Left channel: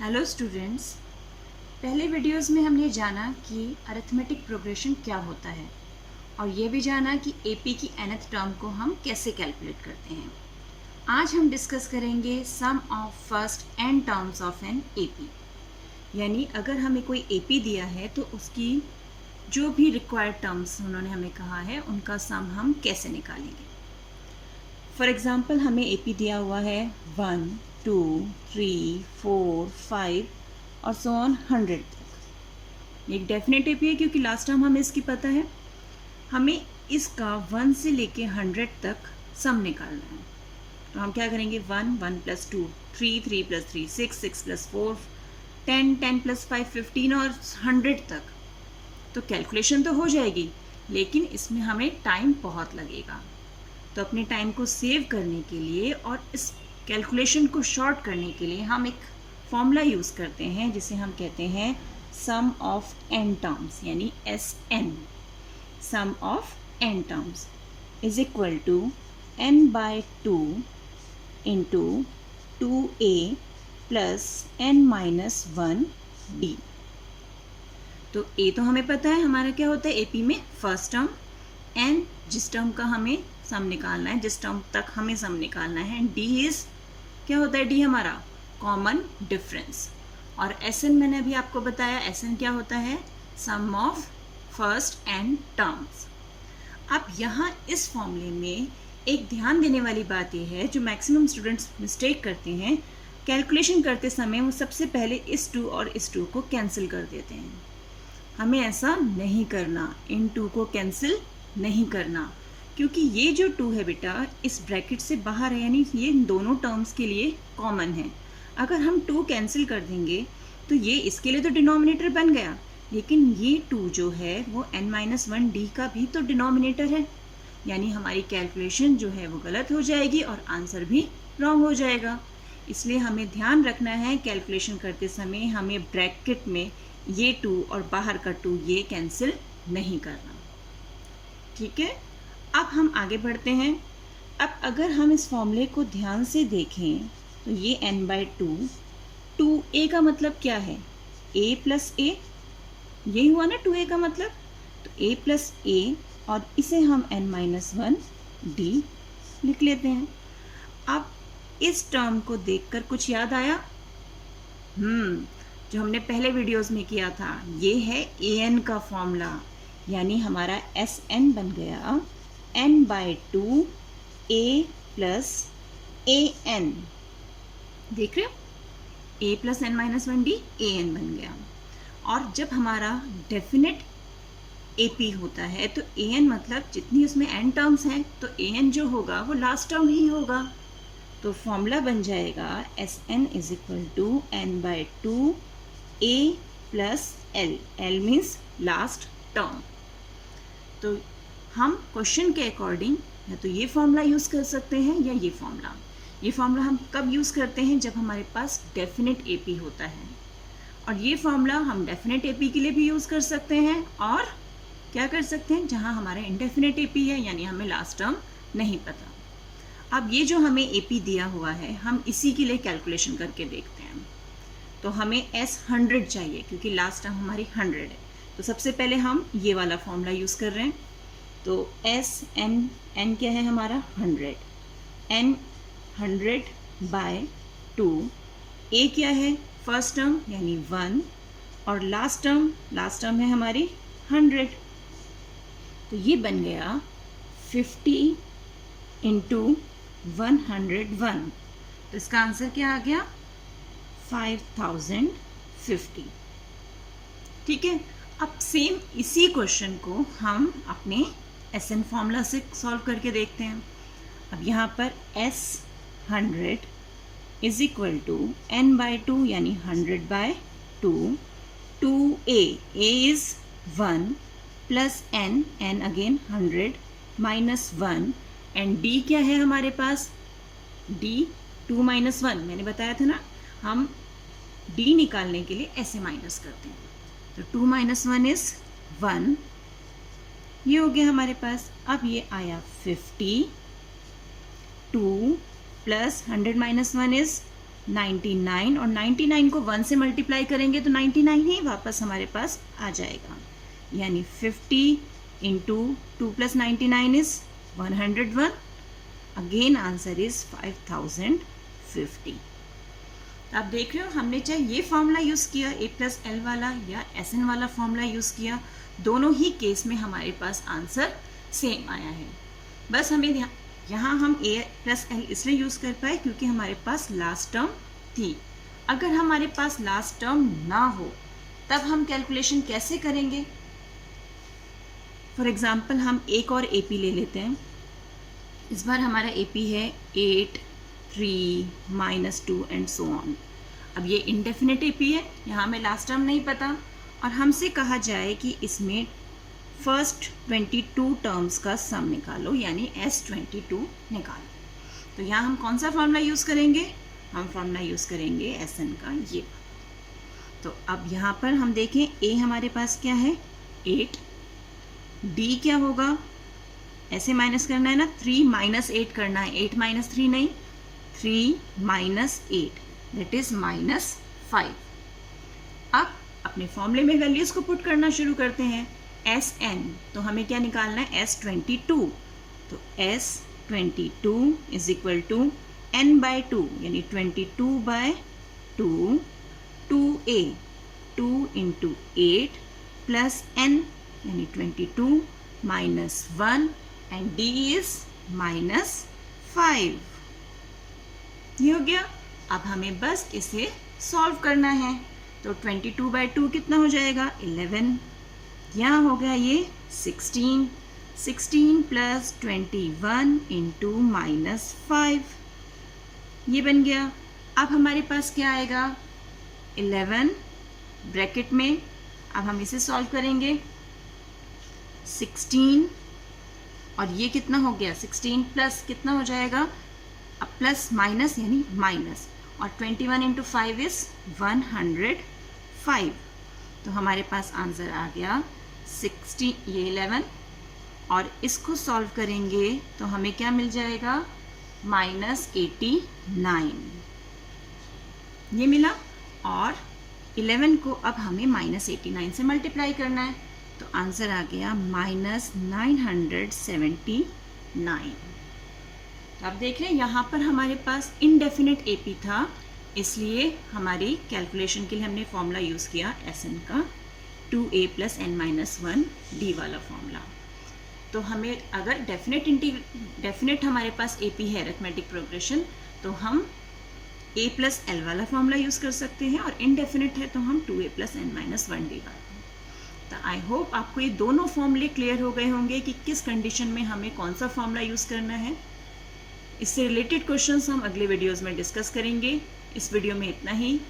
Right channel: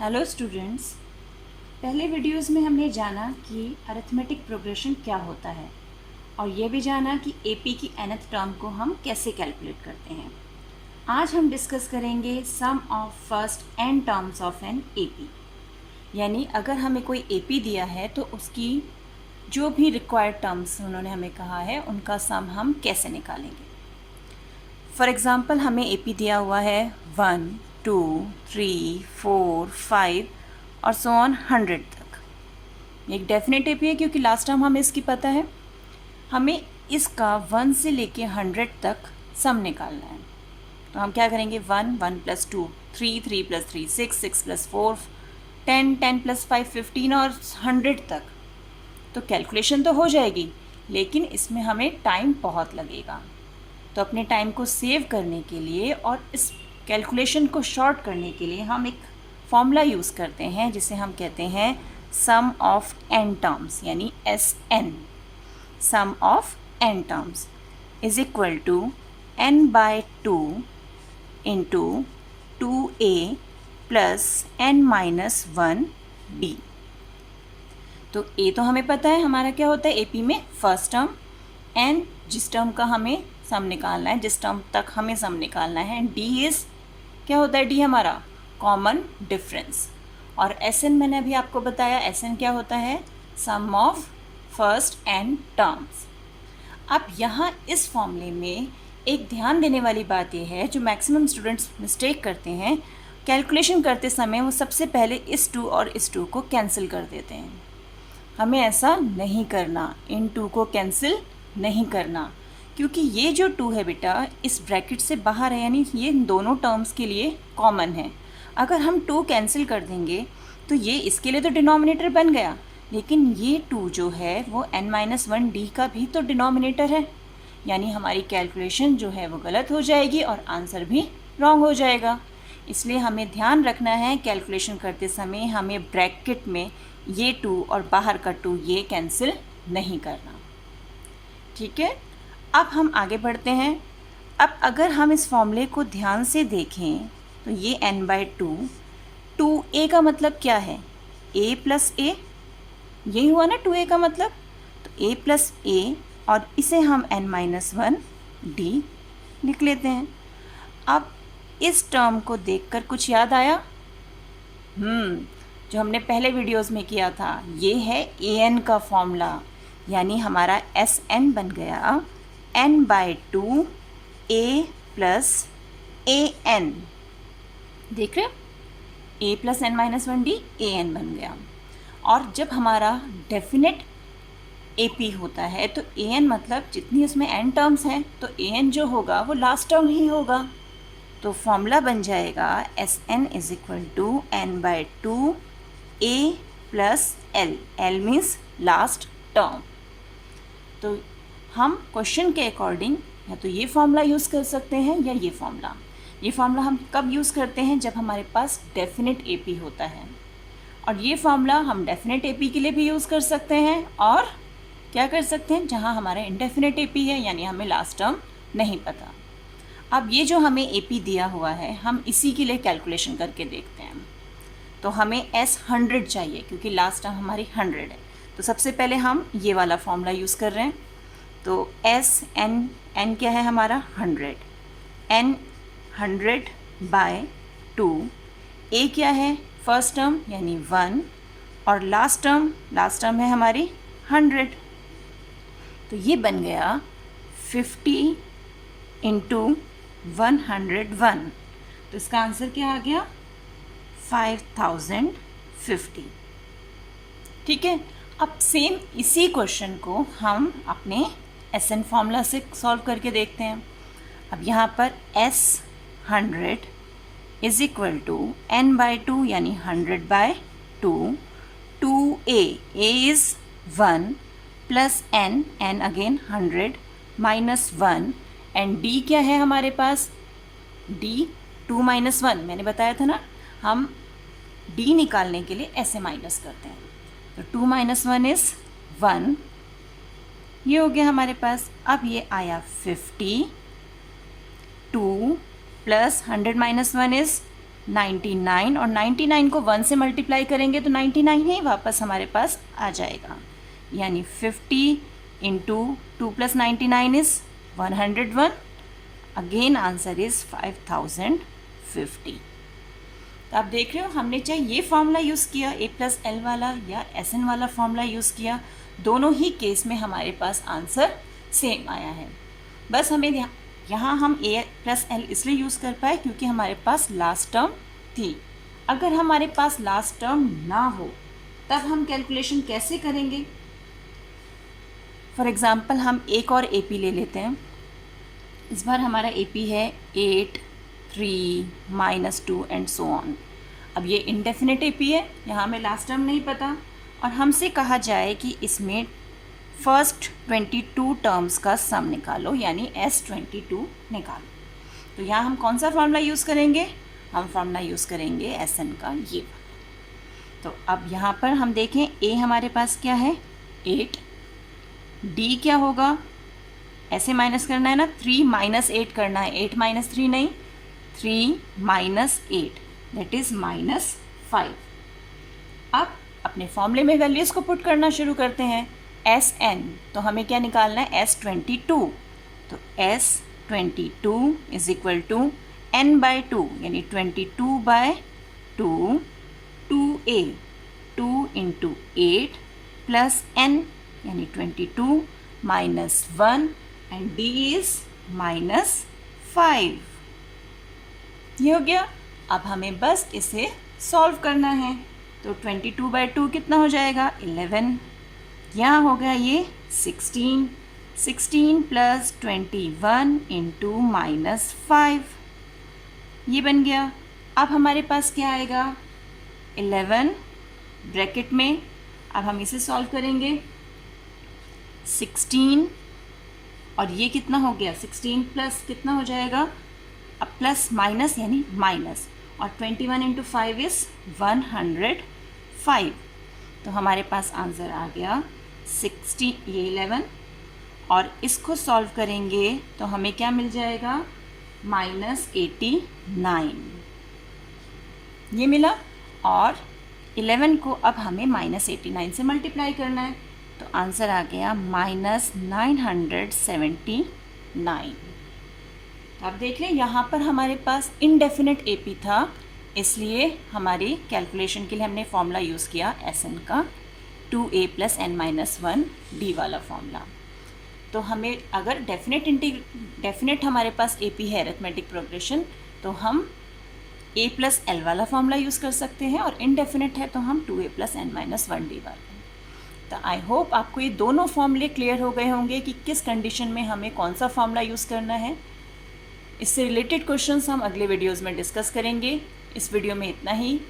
Hello students. पहले videos में हमने जाना कि अरिथमेटिक प्रोग्रेशन क्या होता है और ये भी जाना कि एपी की nth टर्म को हम कैसे कैलकुलेट करते हैं। आज हम डिस्कस करेंगे sum of first n terms of an AP, यानी अगर हमें कोई एपी दिया है तो उसकी जो भी रिक्वायर्ड टर्म्स उन्होंने हमें कहा है उनका सम हम कैसे निकालेंगे। फॉर एग्ज़ाम्पल हमें एपी दिया हुआ है 1, 2, 3, 4, 5 और सो ऑन 100 तक। एक डेफिनेट एपी है क्योंकि लास्ट टाइम हमें इसकी पता है। हमें इसका 1 से लेके 100 तक सम निकालना है। तो हम क्या करेंगे, 1, 1 + 2, 3, 3 + 3, 6, 6 + 4, 10, 10 + 5, 15 और 100 तक। तो कैलकुलेशन तो हो जाएगी, लेकिन इसमें हमें टाइम बहुत लगेगा। तो अपने टाइम को सेव करने के लिए और इस कैलकुलेशन को शॉर्ट करने के लिए हम एक फॉर्मूला यूज़ करते हैं जिसे हम कहते हैं सम ऑफ n टर्म्स, यानी SN। Sum of n terms is equal to n/2 into 2a plus n-1b। तो a तो हमें पता है हमारा क्या होता है एपी में फर्स्ट टर्म, n जिस टर्म का हमें सम निकालना है, जिस टर्म तक हमें सम निकालना है, डी इज़ क्या होता है, डी हमारा कॉमन डिफरेंस। और एन मैंने अभी आपको बताया, एन क्या होता है, सम ऑफ फर्स्ट n टर्म्स। अब यहाँ इस फॉर्मूले में एक ध्यान देने वाली बात यह है, जो मैक्सिमम स्टूडेंट्स मिस्टेक करते हैं, कैलकुलेशन करते समय वो सबसे पहले इस 2 और इस 2 को कैंसिल कर देते हैं। हमें ऐसा नहीं करना, इन 2 को कैंसिल नहीं करना, क्योंकि ये जो 2 है बेटा इस ब्रैकेट से बाहर है, यानी ये दोनों टर्म्स के लिए कॉमन है। अगर हम 2 कैंसिल कर देंगे तो ये इसके लिए तो डिनोमिनेटर बन गया, लेकिन ये 2 जो है वो n-1d का भी तो डिनोमिनेटर है, यानी हमारी कैलकुलेशन जो है वो गलत हो जाएगी और आंसर भी रॉन्ग हो जाएगा। इसलिए हमें ध्यान रखना है कैलकुलेशन करते समय हमें ब्रैकेट में ये 2 और बाहर का 2 ये कैंसिल नहीं करना। ठीक है, अब हम आगे बढ़ते हैं। अब अगर हम इस फॉर्मूले को ध्यान से देखें तो ये n/2, 2a का मतलब क्या है, a + a, यही हुआ ना 2a का मतलब। तो a + a और इसे हम n-1d लिख लेते हैं। अब इस टर्म को देखकर कुछ याद आया? जो हमने पहले वीडियोस में किया था, ये है an का फॉर्मूला, यानी हमारा SN बन गया n/2 a + an। देख रहे हो, a + n-1d an बन गया। और जब हमारा डेफिनेट AP होता है तो an मतलब जितनी उसमें n टर्म्स हैं तो an जो होगा वो लास्ट टर्म ही होगा। तो फॉर्मूला बन जाएगा SN = n/2 a + l, l means last term. तो हम क्वेश्चन के अकॉर्डिंग या तो ये फॉर्मूला यूज़ कर सकते हैं या ये फॉर्मूला। ये फॉर्मूला हम कब यूज़ करते हैं, जब हमारे पास डेफिनेट एपी होता है। और ये फॉर्मूला हम डेफिनेट एपी के लिए भी यूज़ कर सकते हैं और क्या कर सकते हैं जहाँ हमारा इंडेफिनेट एपी है, यानी हमें लास्ट टर्म नहीं पता। अब ये जो हमें एपी दिया हुआ है हम इसी के लिए कैलकुलेशन करके देखते हैं। तो हमें S100 चाहिए क्योंकि लास्ट टर्म हमारी 100 है। तो सबसे पहले हम ये वाला फॉर्मूला यूज़ कर रहे हैं। तो n क्या है हमारा 100, n 100/2, a क्या है फर्स्ट टर्म यानी 1 और लास्ट टर्म है हमारी 100। तो ये बन गया 50 × 101। तो इसका आंसर क्या आ गया, 5050। ठीक है, अब सेम इसी क्वेश्चन को हम अपने SN फॉर्मूला से सॉल्व करके देखते हैं। अब यहाँ पर S100 = n/2 यानी 100/2, 2a, a is 1 plus n again 100 -1 and d क्या है हमारे पास, d 2 - 1 मैंने बताया था ना, हम d निकालने के लिए ऐसे माइनस करते हैं। तो 2 - 1 इज़ 1, ये हो गया हमारे पास। अब ये आया 50, 2 + 100 - 1 इज़ 99 और 99 को 1 से मल्टीप्लाई करेंगे तो 99 ही वापस हमारे पास आ जाएगा, यानी 50 into 2 + 99 is 101. Again answer is 5050. तो आप देख रहे हो, हमने चाहे ये फॉर्मूला यूज़ किया a+l वाला या SN वाला फॉर्मूला यूज़ किया, दोनों ही केस में हमारे पास आंसर सेम आया है. बस हमें यहाँ हम a+l इसलिए यूज़ कर पाए क्योंकि हमारे पास लास्ट टर्म थी. अगर हमारे पास लास्ट टर्म ना हो तब हम कैलकुलेशन कैसे करेंगे? फॉर एग्ज़ाम्पल हम एक और AP ले लेते हैं. इस बार हमारा AP है 8, 3, -2 एंड सो ऑन. अब ये इनडेफिनेट AP है, यहाँ हमें लास्ट टर्म नहीं पता और हमसे कहा जाए कि इसमें फर्स्ट 22 टर्म्स का सम निकालो, यानी S22 निकालो. तो यहाँ हम कौन सा फॉर्मूला यूज़ करेंगे? हम फॉर्मूला यूज़ करेंगे SN का ये. तो अब यहाँ पर हम देखें A हमारे पास क्या है 8, D क्या होगा, ऐसे माइनस करना है ना, 3 - 8 करना है, 8 - 3 नहीं, 3 - 8 दैट इज़ -5. अब अपने फॉर्मूले में वैल्यूज़ को पुट करना शुरू करते हैं. SN तो हमें क्या निकालना है S22. तो S22 is equal to n/2 यानी 22/2 2A 2 × 8 प्लस n यानी 22 -1 एंड D इज -5. ये हो गया. अब हमें बस इसे सॉल्व करना है. तो 22/2 कितना हो जाएगा 11. यहाँ हो गया ये 16 प्लस 21 इंटू -5 ये बन गया. अब हमारे पास क्या आएगा 11 ब्रैकेट में. अब हम इसे सॉल्व करेंगे. 16 और ये कितना हो गया 16 प्लस कितना हो जाएगा, अब प्लस माइनस यानी माइनस, और 21 × 5 इज़ 105. तो हमारे पास आंसर आ गया 60 ये 11 और इसको सॉल्व करेंगे तो हमें क्या मिल जाएगा -89 ये मिला. और 11 को अब हमें -89 से मल्टीप्लाई करना है तो आंसर आ गया -979. तो आप देख रहे हैं यहाँ पर हमारे पास इनडेफिनेट AP था, इसलिए हमारी कैलकुलेशन के लिए हमने फॉर्मूला यूज़ किया SN का 2A + n-1 D वाला फॉर्मूला. तो हमें अगर डेफिनेट हमारे पास AP है अरिथमेटिक प्रोग्रेशन तो हम A + L वाला फॉर्मूला यूज़ कर सकते हैं, और इनडेफिनेट है तो हम 2A + n-1 D वाला. तो आई होप आपको ये दोनों फॉर्मूले क्लियर हो गए होंगे कि किस कंडीशन में हमें कौन सा फॉर्मूला यूज़ करना है. इससे रिलेटेड क्वेश्चंस हम अगले वीडियोज़ में डिस्कस करेंगे. इस वीडियो में इतना ही.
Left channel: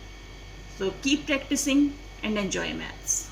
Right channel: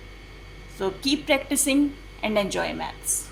So keep practising and enjoy maths.